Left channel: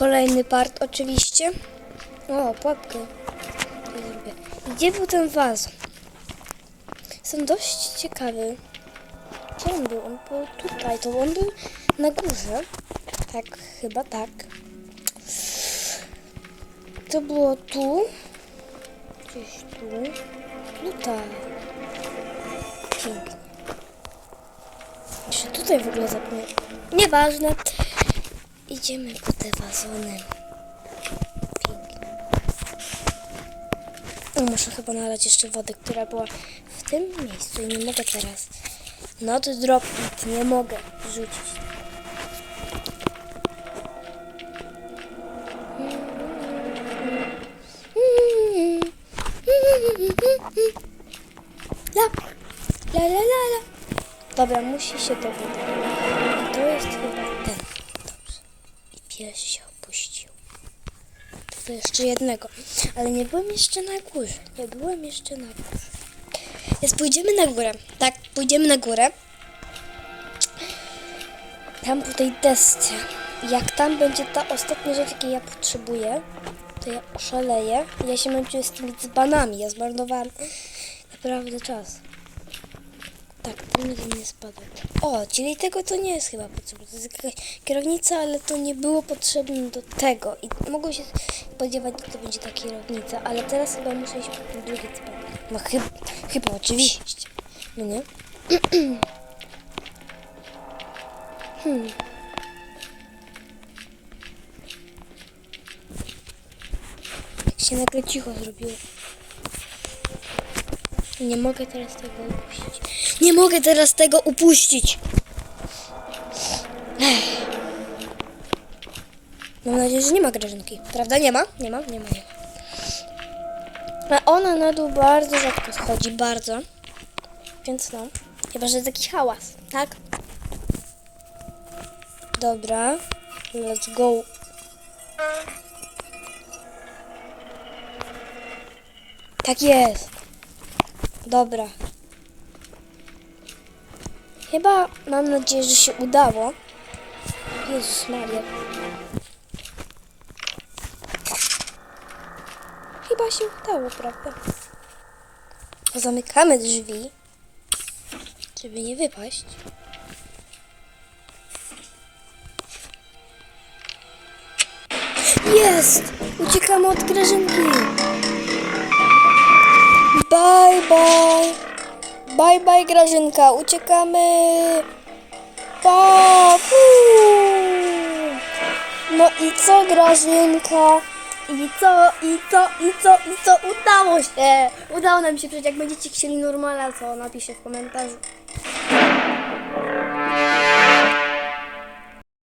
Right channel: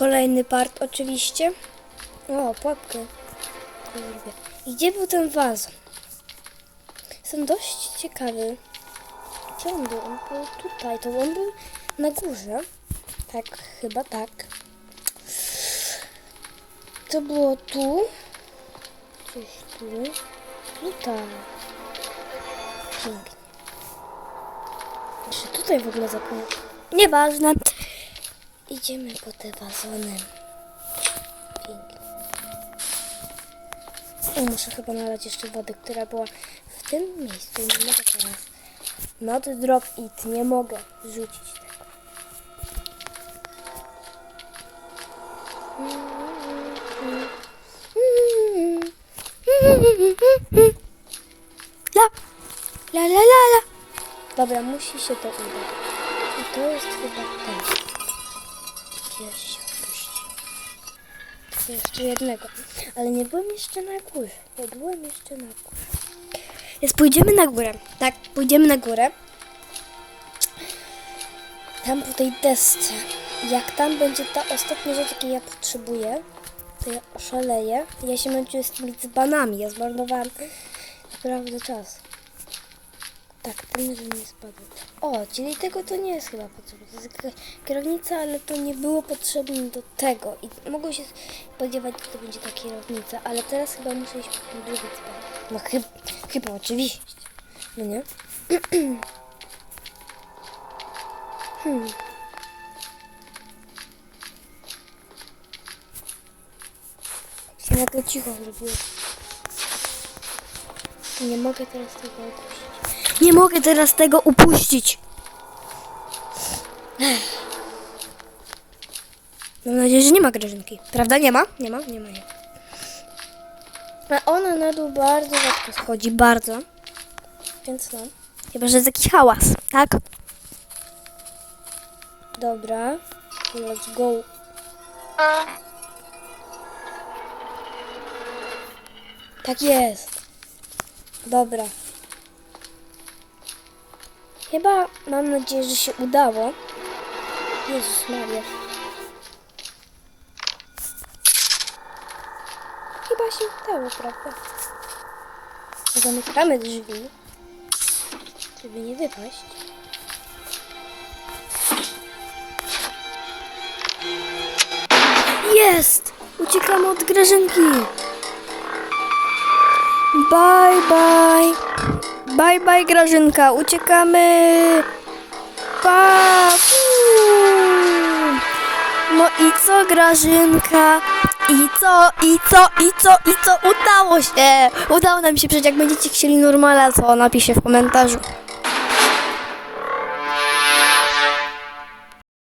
Kolejny part oczywiście. O, pułapkę. Gdzie był ten wazon? Jestem dość ciekawy. Gdzie on był? On był tutaj. To on był na górze. Tak, chyba tak. To było tu. Gdzieś tu. Tutaj. Pięknie. Czy tutaj w ogóle zapomniałem? Nieważne. Idziemy po te wazony. Pięknie. Muszę chyba nalać jeszcze wody, która była w tym miejscu. Nie mogę teraz. Not drop it. Nie mogę rzucić. La, la, la, la, la. Dobra, musi się to udać. I to jest chyba ten. Pies się opuścił. Tylko jeszcze jednego. Ale nie byłem jeszcze na górze. Nie byłem jeszcze na górze. Więc pójdziemy na górę. Tak, pójdziemy na górę. Tam po tej desce. Jak tam będzie ta ostatnia rzecz, jakiej ja potrzebuję, to ja oszaleję. Ja się męczyłem z tymi dzbanami. Ja zmarnowałam naprawdę czas. Tak, ten jeden nie spadł. O, czyli tego to nie jest chyba potrzebne. To jest jakaś kierownica, ale to nie było potrzebne do tego. I mogło się spodziewać, że to będzie ta kierownica, ale teraz chyba muszę iść po ten drugi. No chyba, chyba oczywiście. No nie? hmm. Jak się nagle cicho zrobiło. Nie mogę teraz tego upuścić. Nie mogę teraz tego upuścić. Mam nadzieję, że nie ma grażynki. Prawda? Nie ma? Nie ma? Nie ma. Nie. A ona na dół bardzo rzadko schodzi. Bardzo. Więc no. Chyba, że jest jakiś hałas. Tak? Dobra. Let's go. Tak jest. Dobra. Chyba mam nadzieję, że się udało. Jezus Maria. Chyba się udało, prawda? Zamykamy drzwi, żeby nie wypaść. Jest! Uciekamy od grażynki. Bye, bye. Bye, bye, Grażynka. Uciekamy. Pa. No i co, Grażynka? I co, i co, i co, i co? Udało się. Udało nam się przejść. Jak będziecie chcieli normala, to napiszcie w komentarzu.